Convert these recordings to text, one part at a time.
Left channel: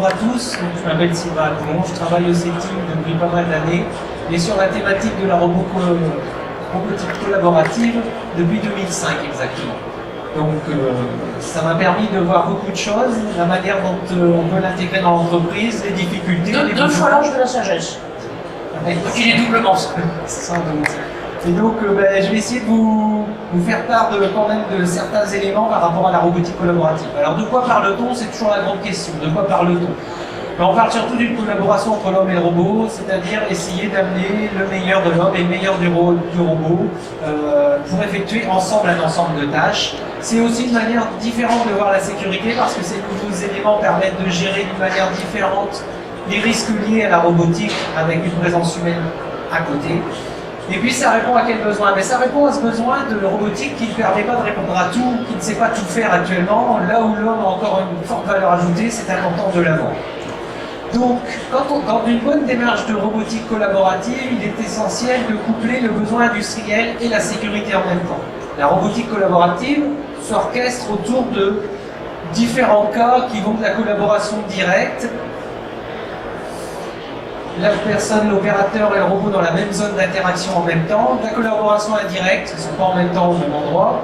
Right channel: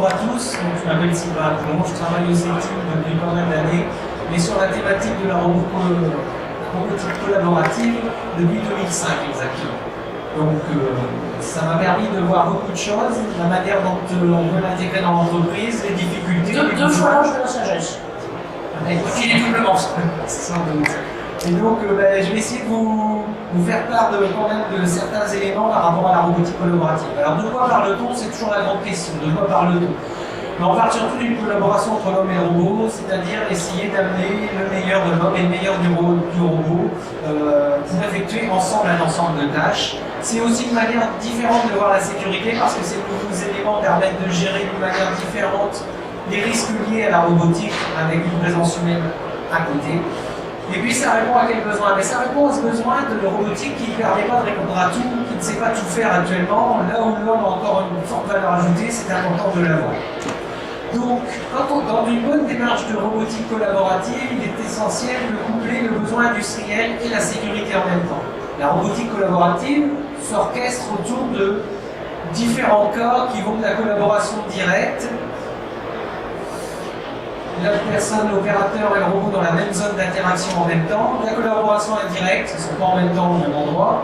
bonjour à tous, donc, je m'appelle Sylvain Dumont, je travaille au CETIC depuis pas mal d'années et sur la thématique de la robotique collaborative depuis 2005 exactement. Donc ça m'a permis de voir beaucoup de choses, la manière dont on peut l'intégrer dans l'entreprise, les difficultés. Deux fois l'ange de la sagesse. Il est doublement ça. Et donc je vais essayer de vous faire part quand même de certains éléments par rapport à la robotique collaborative. Alors de quoi parle-t-on? C'est toujours la grande question. De quoi parle-t-on? On parle surtout d'une collaboration entre l'homme et le robot, c'est-à-dire essayer d'amener le meilleur de l'homme et le meilleur du robot pour effectuer ensemble un ensemble de tâches. C'est aussi une manière différente de voir la sécurité parce que ces nouveaux éléments permettent de gérer d'une manière différente les risques liés à la robotique avec une présence humaine à côté. Et puis ça répond à quel besoin? Mais ça répond à ce besoin de robotique qui ne permet pas de répondre à tout, qui ne sait pas tout faire actuellement, là où l'homme a encore une forte valeur ajoutée, c'est important de l'avoir. Donc, dans une bonne démarche de robotique collaborative, il est essentiel de coupler le besoin industriel et la sécurité en même temps. La robotique collaborative s'orchestre autour de différents cas qui vont de la collaboration directe, la personne, l'opérateur et le robot dans la même zone d'interaction en même temps, la collaboration indirecte, ils ne sont pas en même temps au même endroit.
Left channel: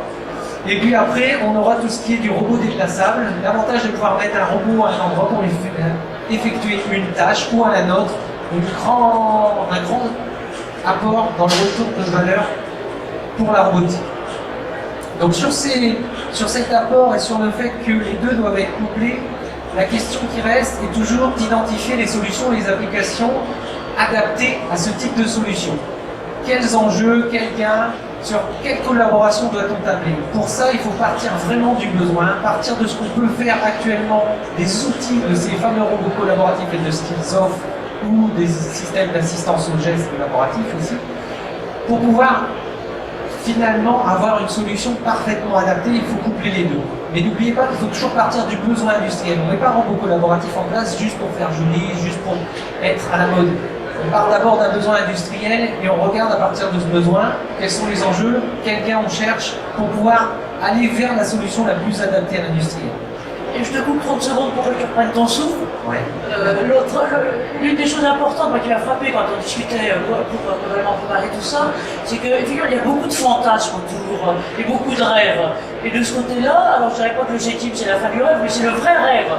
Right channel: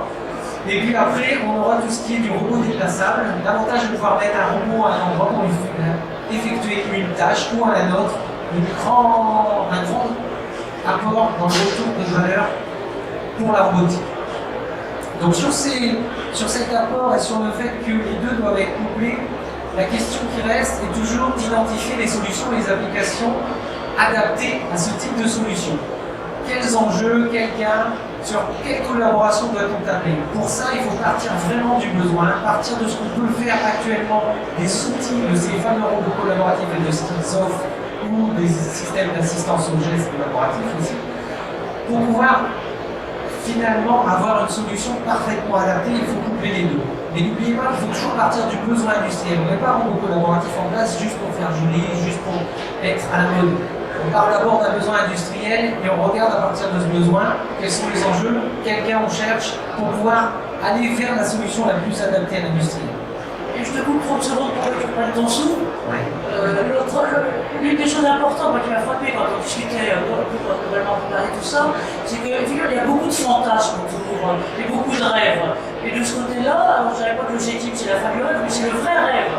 Et puis après, on aura tout ce qui est du robot déplaçable, l'avantage de pouvoir mettre un robot à un endroit pour lui effectuer une tâche ou à un autre, un grand apport dans le retour de valeur pour la robotique. Donc sur cet apport et sur le fait que les deux doivent être couplés, la question qui reste est toujours d'identifier les solutions et les applications adaptées à ce type de solution. Quels enjeux, quels gains, sur quelle collaboration doit-on tabler? Pour ça, il faut partir vraiment du besoin, partir de ce qu'on peut faire actuellement, des outils de ces fameux robots collaboratifs et de ce qu'ils offrent, ou des systèmes d'assistance aux gestes collaboratifs aussi, pour pouvoir finalement avoir une solution parfaitement adaptée. Il faut coupler les deux. Mais n'oubliez pas qu'il faut toujours partir du besoin industriel. On ne met pas un robot collaboratif en place juste pour faire joli, juste pour être à la mode. On part d'abord d'un besoin industriel et on regarde à partir de ce besoin quels sont les enjeux, quel gain on cherche pour pouvoir aller vers la solution la plus adaptée à l'industrie. Et je te coupe 30 secondes pour que tu prennes ton souffle. Ouais. L'une des choses importantes qui m'a frappé quand on discutait pour vraiment préparer tout ça, c'est qu'effectivement il y a beaucoup de fantasmes autour et beaucoup de rêves. Et de ce côté-là, alors je ne dirais pas que l'objectif c'est la fin du rêve, mais c'est le vrai rêve.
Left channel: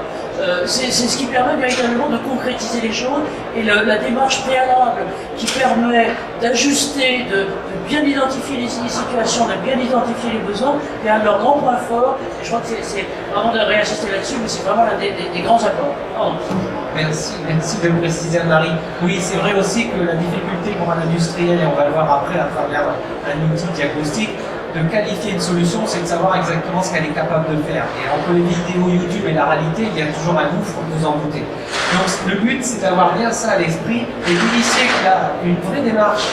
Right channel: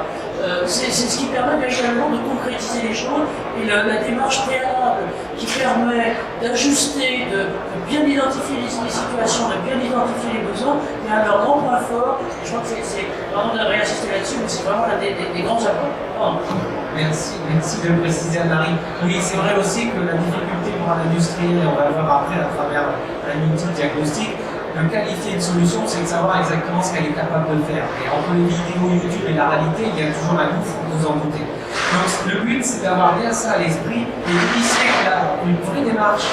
C'est ce qui permet véritablement de concrétiser les choses et la démarche préalable qui permet d'ajuster, de bien identifier les situations, de bien identifier les besoins, c'est un de leurs grands points forts. Je crois que c'est vraiment de réinsister là-dessus, mais c'est vraiment l'un des grands apports. Merci de me préciser, Anne-Marie. Oui, c'est vrai aussi que la difficulté pour un industriel, et on va le voir après à travers un outil diagnostique, de qualifier une solution, c'est de savoir exactement ce qu'elle est capable de faire. Et entre les vidéos YouTube et la réalité, il y a toujours un gouffre, vous en doutez. Donc le but, c'est d'avoir bien ça à l'esprit et d'initier qu'il y a une vraie démarche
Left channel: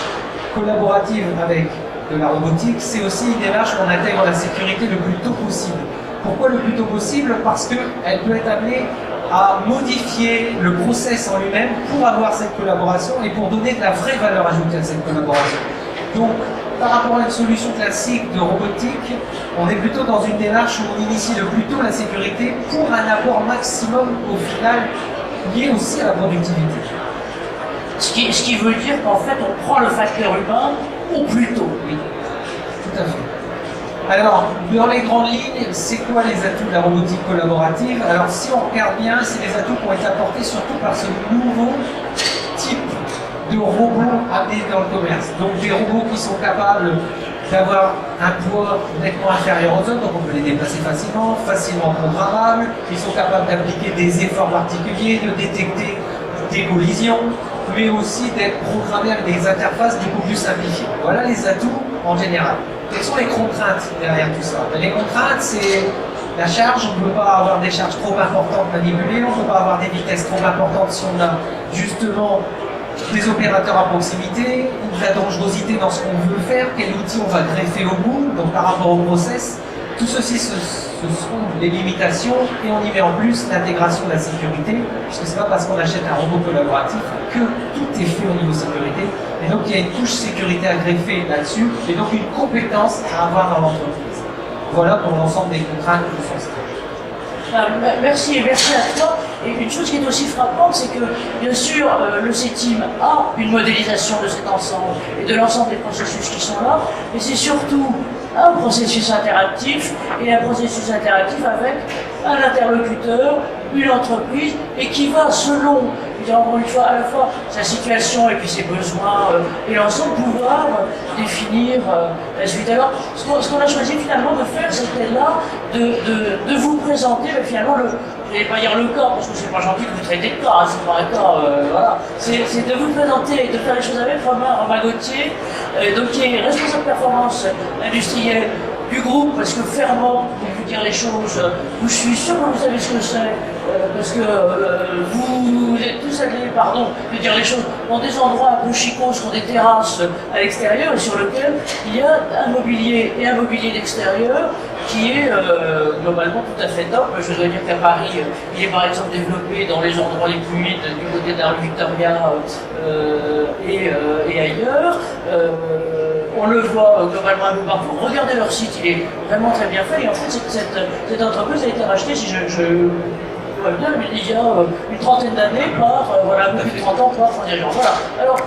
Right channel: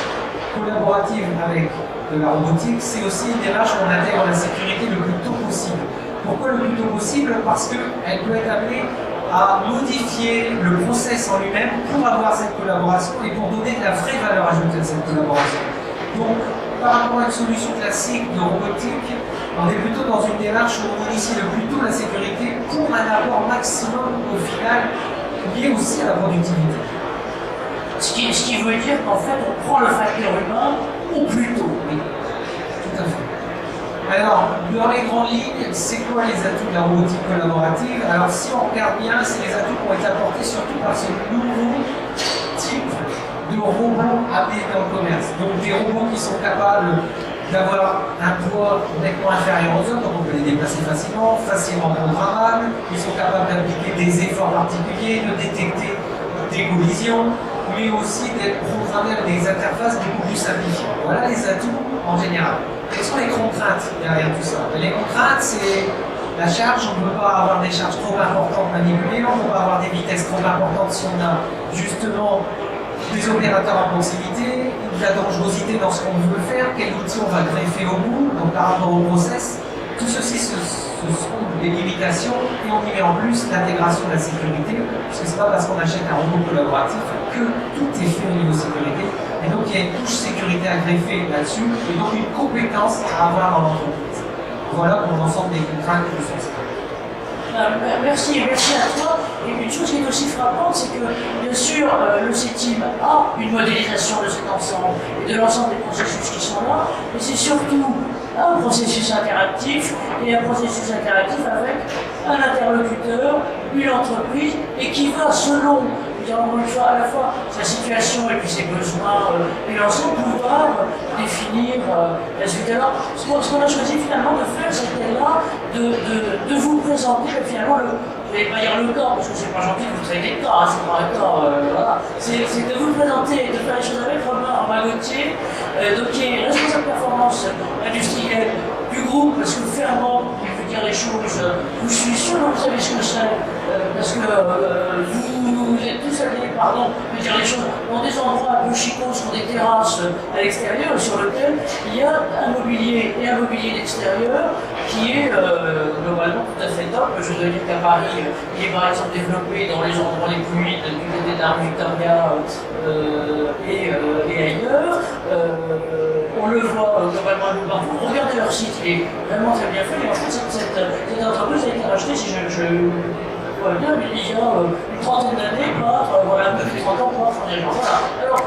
collaborative avec de la robotique. C'est aussi une démarche où on intègre la sécurité le plus tôt possible. Pourquoi le plus tôt possible? Parce qu'elle peut être amenée à modifier le process en lui-même pour avoir cette collaboration et pour donner de la vraie valeur ajoutée à cette collaboration. Donc, par rapport à une solution classique de robotique, on est plutôt dans une démarche où on initie le plus tôt la sécurité pour un apport maximum au final lié aussi à la productivité. Ce qui veut dire qu'en fait on prend le facteur humain au plus tôt. Oui, tout à fait. Alors, dans les grandes lignes, c'est quoi les atouts de la robotique collaborative? Alors, si on regarde bien, c'est les atouts qui ont été apportés surtout par ce nouveau type de robots amenés dans le commerce. Donc des robots qui sont capables d'avoir un poids nettement inférieur aux autres, donc on peut les déplacer facilement programmables, ils sont capables d'appliquer des efforts particuliers, de détecter des collisions, mais aussi d'être programmés avec des interfaces beaucoup plus simplifiées. Voilà les atouts en général. Quelles sont les contraintes derrière tout ça? Les contraintes, c'est la charge. On ne peut pas avoir des charges trop importantes manipulées, on ne peut pas avoir des vitesses trop importantes si on a justement des opérateurs à proximité, de la dangerosité dans ce qu'on veut faire, quel outil on va greffer au bout, donc par rapport au process. Tout ceci, ce sont des limitations et on y met en plus l'intégration de la sécurité, puisque c'est pas parce qu'on achète un robot collaboratif que tout est fait au niveau sécurité. Et donc il y a une couche sécurité à greffer là-dessus, et donc une compétence à avoir dans l'entreprise. Voilà pour l'ensemble des contraintes que je fais. Merci à toi. Et une chose qui est aussi frappante, c'est que, bien sûr, le CETIM a une modélisation de cet ensemble et de l'ensemble des processus qui sont là, mais c'est surtout un processus interactif, et un processus interactif avec un interlocuteur, une entreprise, et qui va selon, encore une fois, à la fois sa situation et puis ses besoins, et ensemble pouvoir définir la suite. Alors, ce qu'on a choisi finalement de faire, c'était là de vous présenter finalement je ne vais pas dire le cas, parce que c'est pas gentil que vous traitez de cas, c'est pas un cas, voilà. C'est de vous présenter, de faire les choses avec Romain Gauthier, donc qui est responsable performance industrielle du groupe, parce que Fermant, il veut dire les choses, je suis sûr que vous savez ce que c'est, parce que vous êtes tous allés, pardon, je veux dire les choses, dans des endroits un peu chicots, sur des terrasses à l'extérieur, sur lesquelles il y a un mobilier et un mobilier d'extérieur qui est globalement tout à fait top. Je dois dire qu'à Paris, il est par exemple développé dans les endroits les plus humides du côté d'Arc Victoria et ailleurs. On le voit globalement un peu partout. Regardez leur site, il est vraiment très bien fait. Et en fait, cette entreprise a été rachetée, si je vois bien, il y a une trentaine d'années par, voilà, depuis 30 ans, par un dirigeant. Voilà. Alors,